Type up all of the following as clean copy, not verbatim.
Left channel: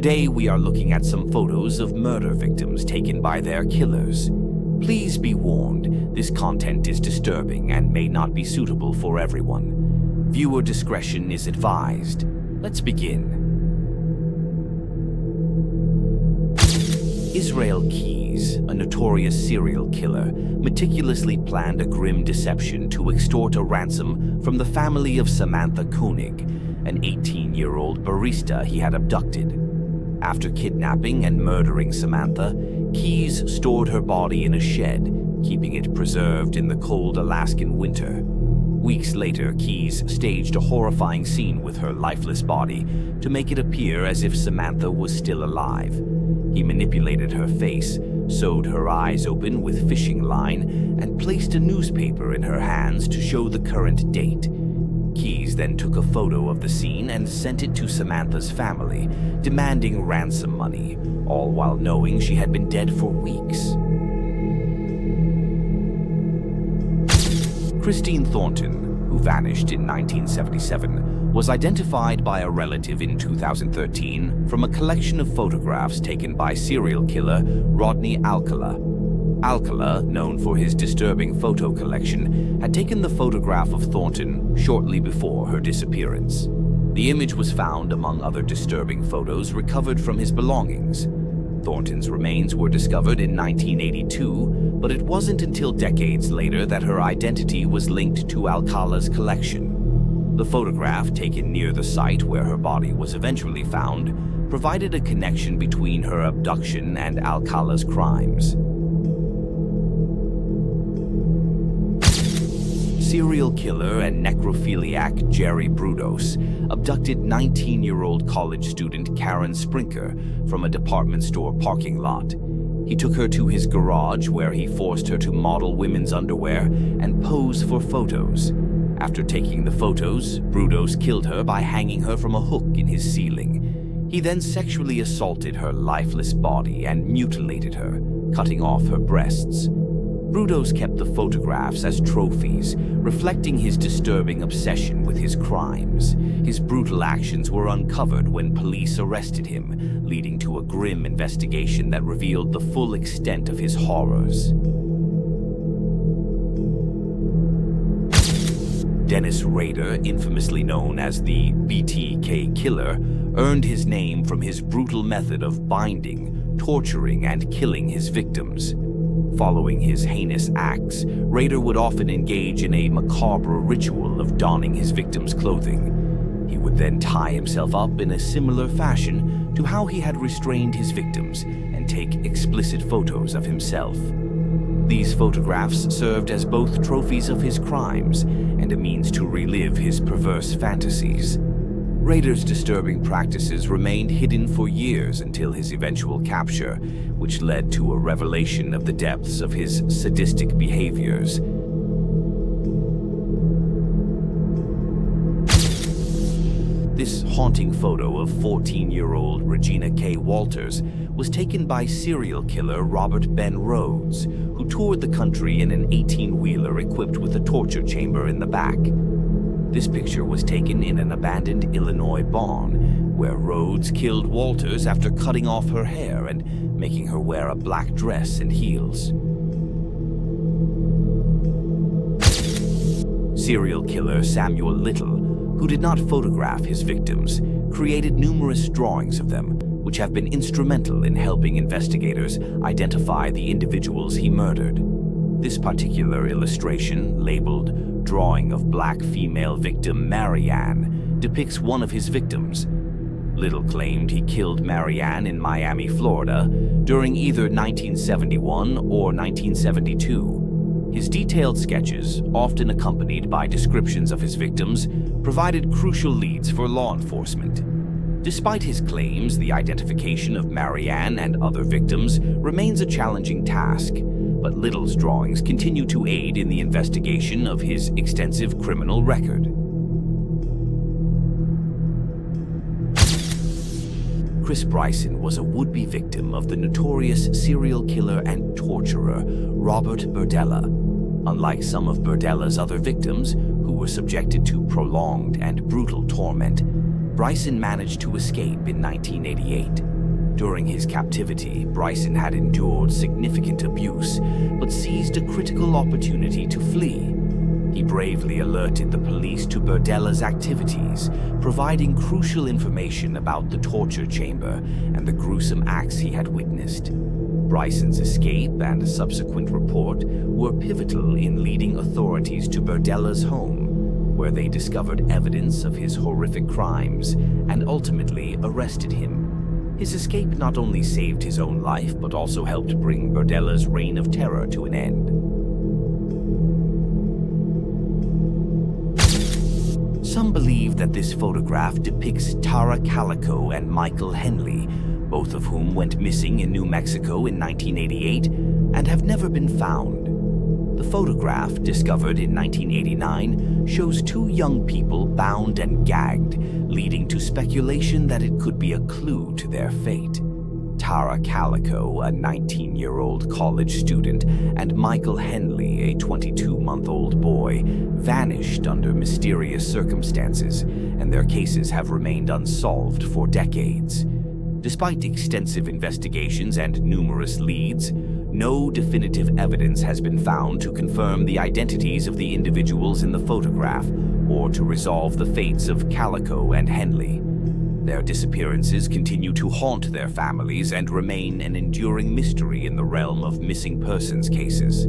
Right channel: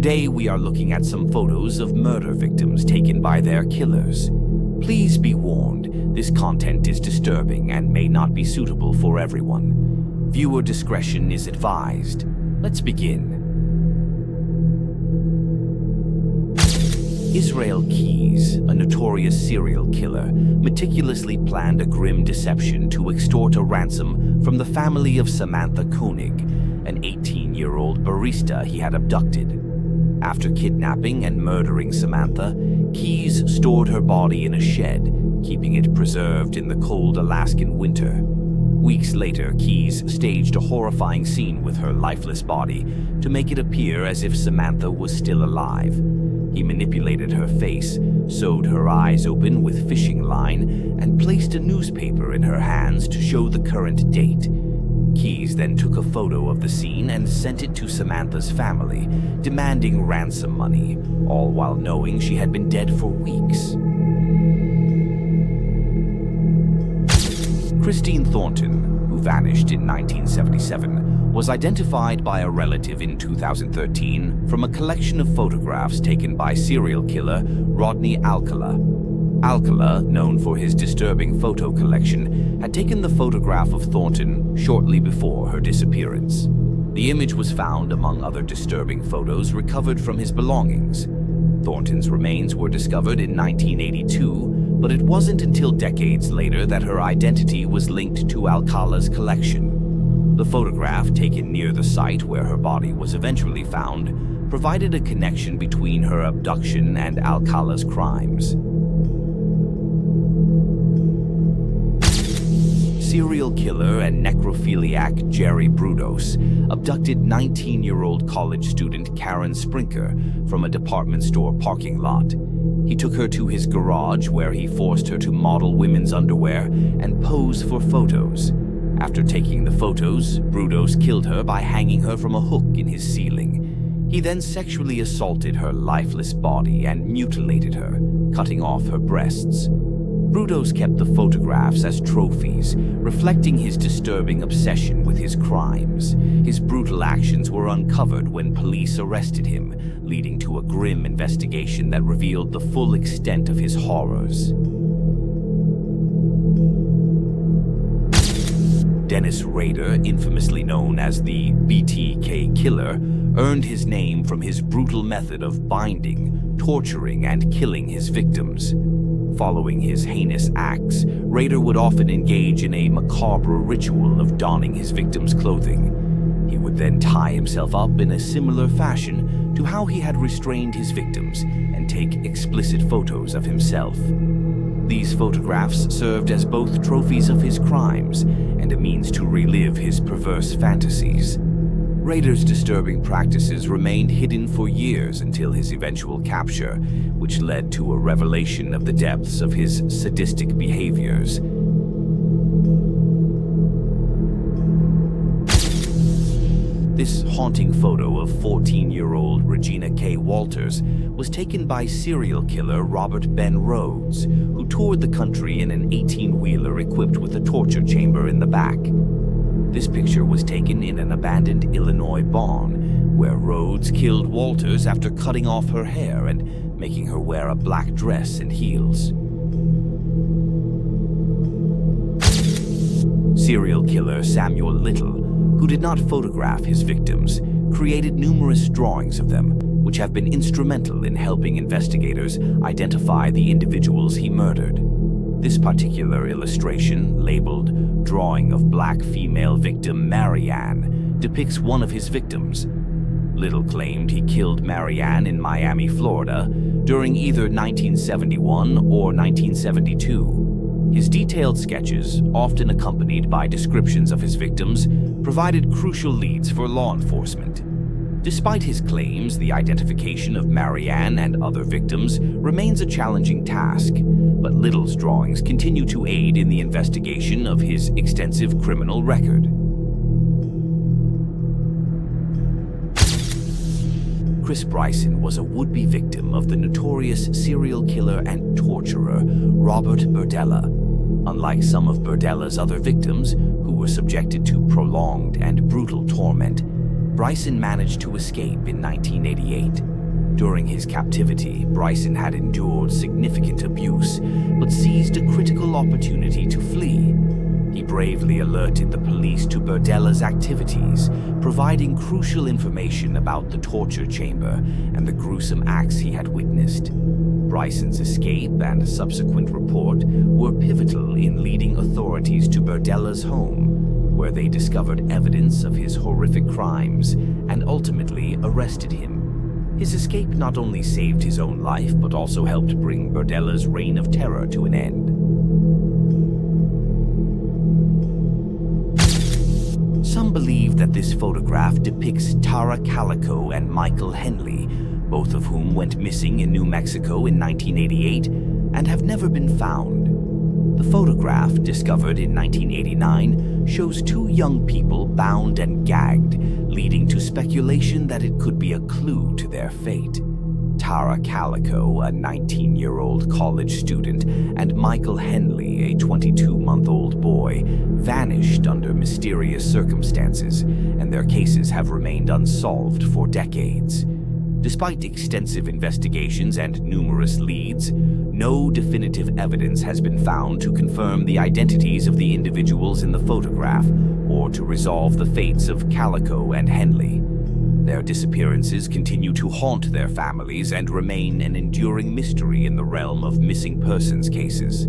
Today we are looking at some photos of murder victims taken by their killers. Please be warned, this content is disturbing and may not be suitable for everyone. Viewer discretion is advised. Let's begin. Israel Keyes, a notorious serial killer, meticulously planned a grim deception to extort a ransom from the family of Samantha Koenig, an 18-year-old barista he had abducted. After kidnapping and murdering Samantha, Keyes stored her body in a shed, keeping it preserved in the cold Alaskan winter. Weeks later, Keyes staged a horrifying scene with her lifeless body to make it appear as if Samantha was still alive. He manipulated her face, sewed her eyes open with fishing line, and placed a newspaper in her hands to show the current date. Keyes then took a photo of the scene and sent it to Samantha's family, demanding ransom money, all while knowing she had been dead for weeks. Christine Thornton, who vanished in 1977, was identified by a relative in 2013 from a collection of photographs taken by serial killer Rodney Alcala. Alcala, known for his disturbing photo collection, had taken the photograph of Thornton shortly before her disappearance. The image was found among other disturbing photos recovered from his belongings. Thornton's remains were discovered in 1982, but it wasn't until decades later that her identity was linked to Alcala's collection. The photograph, taken near the site where her body was eventually found, provided a connection between her abduction and Alcala's crimes. Serial killer and necrophiliac Jerry Brudos abducted 19-year-old college student Karen Sprinker from a department store parking lot. He took her to his garage where he forced her to model women's underwear and pose for photos. After taking the photos, Brudos killed her by hanging her from a hook in his ceiling. He then sexually assaulted her lifeless body and mutilated her, cutting off her breasts. Brudos kept the photographs as trophies, reflecting his disturbing obsession with his crimes. His brutal actions were uncovered when police arrested him, leading to a grim investigation that revealed the full extent of his horrors. Dennis Rader, infamously known as the BTK Killer, earned his name from his brutal method of binding, torturing, and killing his victims. Following his heinous acts, Rader would often engage in a macabre ritual of donning his victims' clothing. He would then tie himself up in a similar fashion to how he had restrained his victims and take explicit photos of himself. These photographs served as both trophies of his crimes and a means to relive his perverse fantasies. Rader's disturbing practices remained hidden for years until his eventual capture, which led to a revelation of the depths of his sadistic behaviors. This haunting photo of 14-year-old Regina K. Walters was taken by serial killer Robert Ben Rhodes, who toured the country in an 18-wheeler equipped with a torture chamber in the back. This picture was taken in an abandoned Illinois barn, where Rhodes killed Walters after cutting off her hair and making her wear a black dress and heels. Serial killer Samuel Little, who did not photograph his victims, created numerous drawings of them, which have been instrumental in helping investigators identify the individuals he murdered. This particular illustration, labeled Drawing of Black Female Victim Marianne, depicts one of his victims. Little claimed he killed Marianne in Miami, Florida, during either 1971 or 1972. His detailed sketches, often accompanied by descriptions of his victims, provided crucial leads for law enforcement. Despite his claims, the identification of Marianne and other victims remains a challenging task, but Little's drawings continue to aid in the investigation of his extensive criminal record. Chris Bryson was a would-be victim of the notorious serial killer and torturer Robert Berdella. Unlike some of Berdella's other victims, who were subjected to prolonged and brutal torment, Bryson managed to escape in 1988. During his captivity, Bryson had endured significant abuse, but seized a critical opportunity to flee. He bravely alerted the police to Berdella's activities, providing crucial information about the torture chamber and the gruesome acts he had witnessed. Bryson's escape and subsequent report were pivotal in leading authorities to Berdella's home, where they discovered evidence of his horrific crimes and ultimately arrested him. His escape not only saved his own life, but also helped bring Berdella's reign of terror to an end. Some believe that this photograph depicts Tara Calico and Michael Henley, both of whom went missing in New Mexico in 1988 and have never been found. The photograph, discovered in 1989, shows two young people bound and gagged, leading to speculation that it could be a clue to their fate. Tara Calico, a 19-year-old college student, and Michael Henley, a 22-month-old boy, vanished under mysterious circumstances, and their cases have remained unsolved for decades. Despite extensive investigations and numerous leads, no definitive evidence has been found to confirm the identities of the individuals in the photograph or to resolve the fates of Calico and Henley. Their disappearances continue to haunt their families and remain an enduring mystery in the realm of missing persons cases.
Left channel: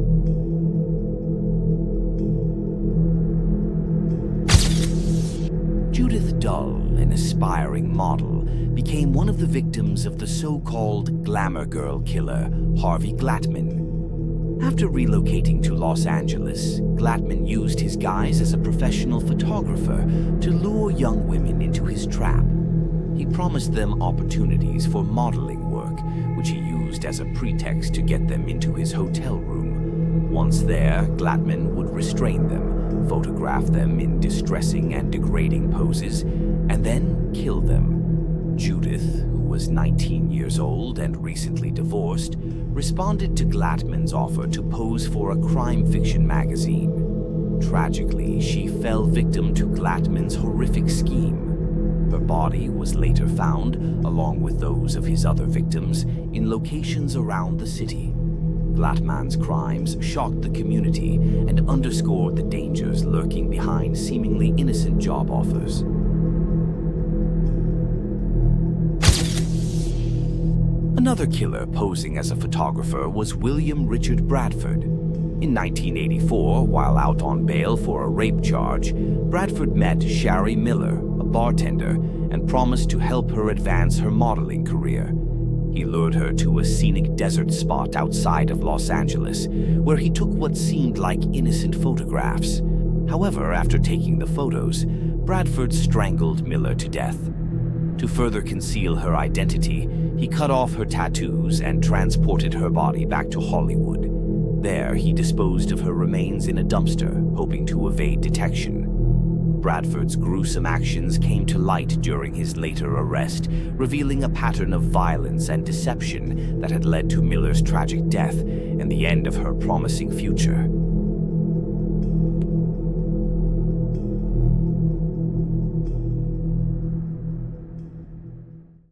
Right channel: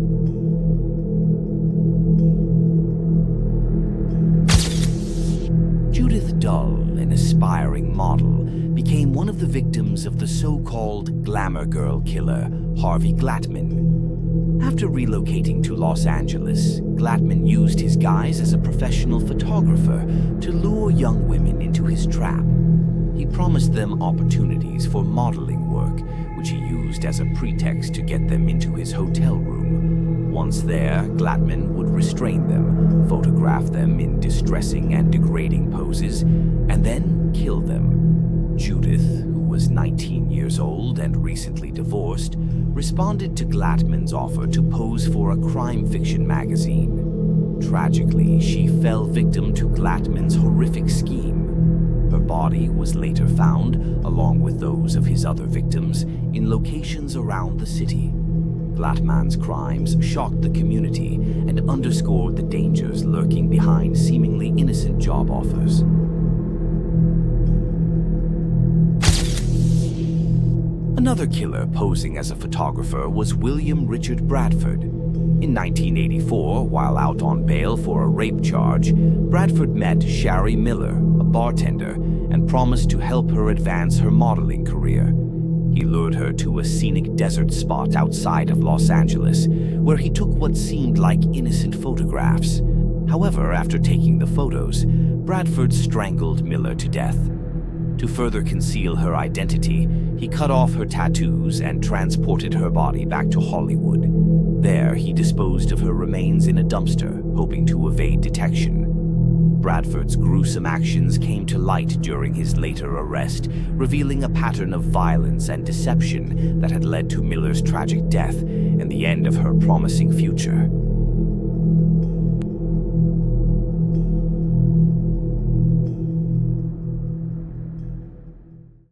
Judith Dull, an aspiring model, became one of the victims of the so-called glamour girl killer, Harvey Glattman. After relocating to Los Angeles, Glattman used his guise as a professional photographer to lure young women into his trap. He promised them opportunities for modeling work, which he used as a pretext to get them into his hotel room. Once there, Glattman would restrain them, photograph them in distressing and degrading poses, and then kill them. Judith, who was 19 years old and recently divorced, responded to Glattman's offer to pose for a crime fiction magazine. Tragically, she fell victim to Glattman's horrific scheme. Her body was later found, along with those of his other victims, in locations around the city. Glattman's crimes shocked the community and underscored the dangers lurking behind seemingly innocent job offers. Another killer posing as a photographer was William Richard Bradford. In 1984, while out on bail for a rape charge, Bradford met Shari Miller, a bartender, and promised to help her advance her modeling career. He lured her to a scenic desert spot outside of Los Angeles, where he took what seemed like innocent photographs. However, after taking the photos, Bradford strangled Miller to death. To further conceal her identity, he cut off her tattoos and transported her body back to Hollywood. There, he disposed of her remains in a dumpster, hoping to evade detection. Bradford's gruesome actions came to light during his later arrest, revealing a pattern of violence and deception that had led to Miller's tragic death and the end of her promising future.